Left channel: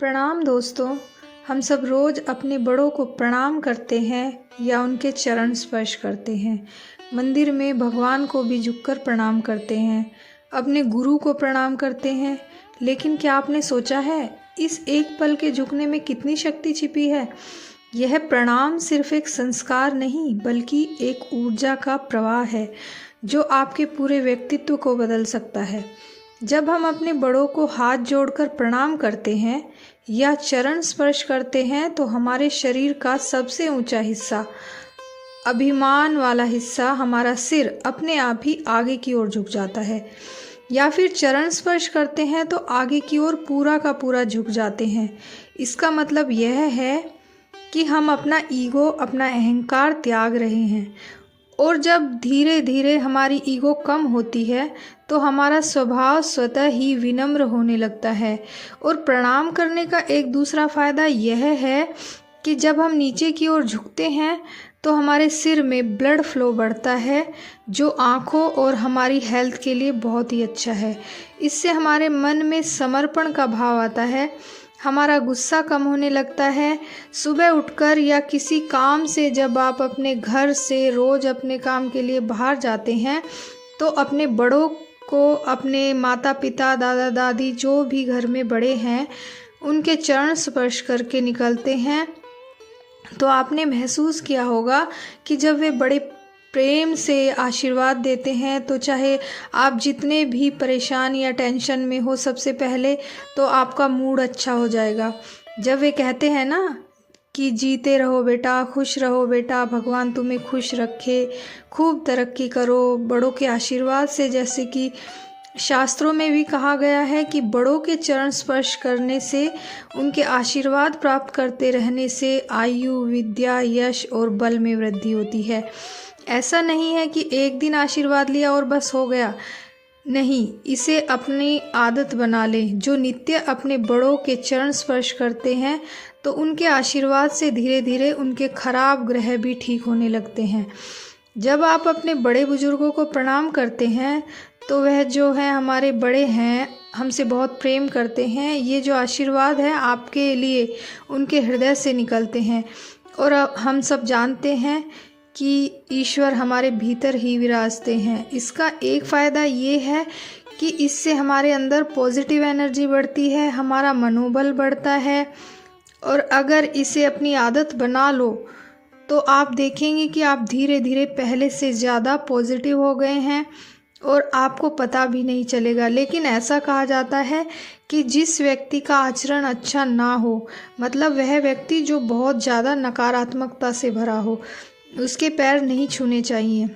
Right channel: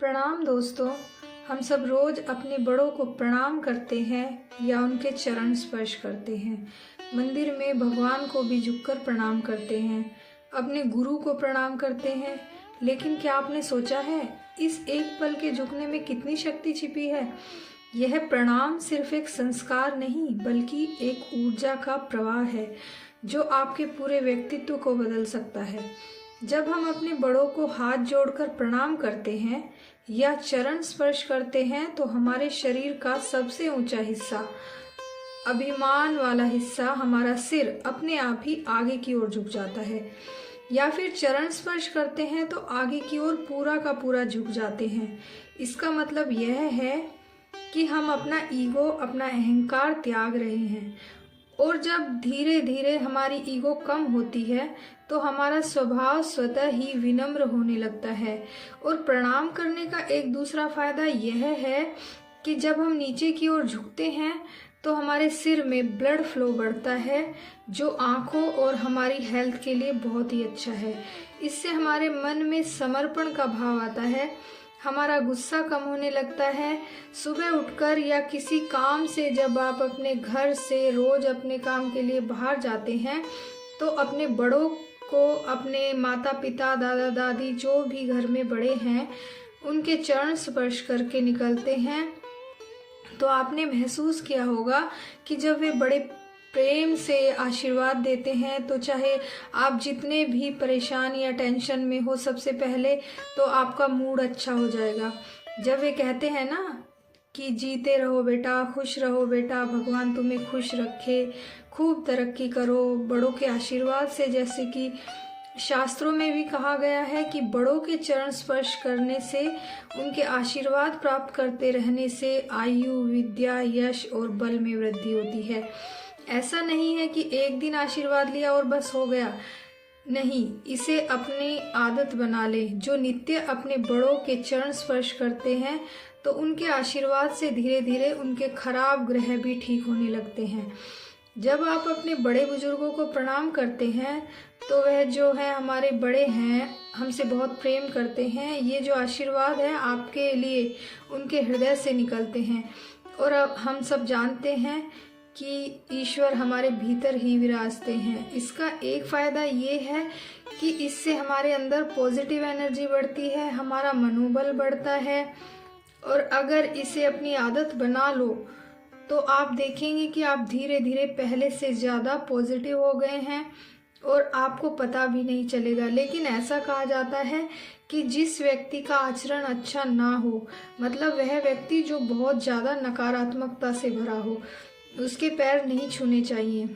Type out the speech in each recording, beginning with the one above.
प्रणाम दोस्तों। हम सब रोज़ अपने बड़ों को प्रणाम करते हैं या उनके चरण स्पर्श करते हैं। मंदिर में भगवान को भी झुककर प्रणाम करते हैं, अपने गुरु को प्रणाम करते हैं। लेकिन क्या आपने सोचा है इस एक पल के झुकने में कितनी शक्ति छिपी है? यह प्रणाम सिर्फ एक संस्कार नहीं बल्कि एक ऊर्जा का प्रवाह है जो आपके पूरे व्यक्तित्व को बदल सकता है। जब हम अपने बड़ों को हाथ जोड़कर प्रणाम करते हैं या चरण स्पर्श करते हैं तो हमारे शरीर का सबसे ऊंचा हिस्सा, अभिमान वाला हिस्सा, हमारा सिर अपने आप ही आगे की ओर झुक जाता है। या फिर चरण स्पर्श करते हैं तो आगे की ओर पूरा का पूरा झुक जाते हैं। इसका मतलब यह है कि हम अपना ईगो, अपना अहंकार त्याग रहे हैं। और जब धीरे धीरे हमारी ईगो कम होती है तो हमारा स्वभाव स्वतः ही विनम्र होने लगता है। और प्रणाम करने का एक दूसरा फ़ायदा यह है कि जब हम नीचे की ओर झुकते हैं तो हमारे सिर में ब्लड फ्लो बढ़ता है, जो आँखों और हमारी हेल्थ के लिए बहुत ही अच्छा है। इससे हमारे मन में समर्पण का भाव आता है, हमारा गुस्सा कम होने लगता है। सुबह उठकर या किसी काम से जब आप अपने घर से रोज़ अपने काम के लिए बाहर जाते हैं तो अपने बड़ों को, अपने माता पिता, दादा दादी, जो भी घर में बड़े हैं, उनके चरण स्पर्श करके निकलते हैं। तो आपने महसूस किया होगा कि जब वे बड़े प्रेम से आशीर्वाद देते हैं तो चाहे आप जितने भी परेशान या टेंशन में हो, सबसे पहले तो आपका मूड अच्छा हो जाएगा। जब वे कहते हैं ना कि जीते रहो बेटा, खुश रहो बेटा, भगवान तुम्हें खुश रखे, खूब तरक्की करो बड़ों के आशीर्वाद से। जैसे कि शास्त्रों में भी कहा गया है कि बड़ों के चरण स्पर्श करने से, उनके आशीर्वाद प्राप्त करते रहने से आयु, विद्या, यश और बल में वृद्धि होती है। ऐसा नहीं है कि एक दिन आशीर्वाद लिया और बस हो गया। नहीं, इसे अपनी आदत बना लें। जो नित्य अपने बड़ों के चरण स्पर्श करते हैं तो उनके आशीर्वाद से धीरे धीरे उनके खराब ग्रह भी ठीक होने लगते हैं। जब आप अपने बड़े बुजुर्गों को प्रणाम करते हैं तो वह जो है हमारे बड़े हैं, हमसे बहुत प्रेम करते हैं। ये जो आशीर्वाद है आपके लिए उनके हृदय से निकलते हैं। और अब हम सब जानते हैं कि ईश्वर हमारे भीतर ही विराजते हैं। इसका एक फ़ायदा ये है कि इससे हमारे अंदर पॉजिटिव एनर्जी बढ़ती है, हमारा मनोबल बढ़ता है। और अगर इसे अपनी आदत बना लो तो आप देखेंगे कि आप धीरे धीरे पहले से ज़्यादा पॉजिटिव हो गए हैं और आपको पता भी नहीं चलेगा। लेकिन ऐसा कहा जाता है कि जिस व्यक्ति का आचरण अच्छा ना हो, मतलब वह व्यक्ति जो बहुत ज़्यादा नकारात्मकता से भरा हो, उसके पैर नहीं छूने चाहिए।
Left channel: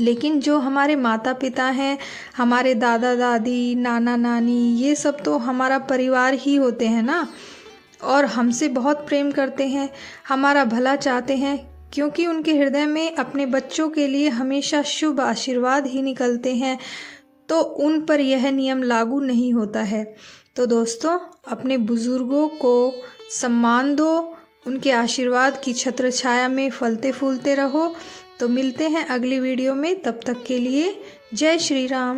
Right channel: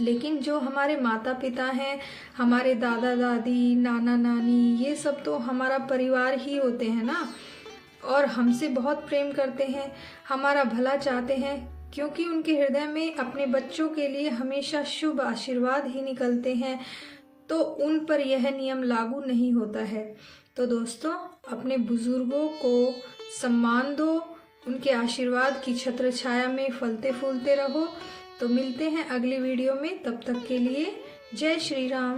लेकिन जो हमारे माता पिता हैं, हमारे दादा दादी, नाना नानी, ये सब तो हमारा परिवार ही होते हैं ना, और हमसे बहुत प्रेम करते हैं, हमारा भला चाहते हैं, क्योंकि उनके हृदय में अपने बच्चों के लिए हमेशा शुभ आशीर्वाद ही निकलते हैं। तो उन पर यह नियम लागू नहीं होता है। तो दोस्तों, अपने बुजुर्गों को सम्मान दो, उनके आशीर्वाद की छत्र छाया में फलते फूलते रहो। तो मिलते हैं अगली वीडियो में, तब तक के लिए जय श्री राम।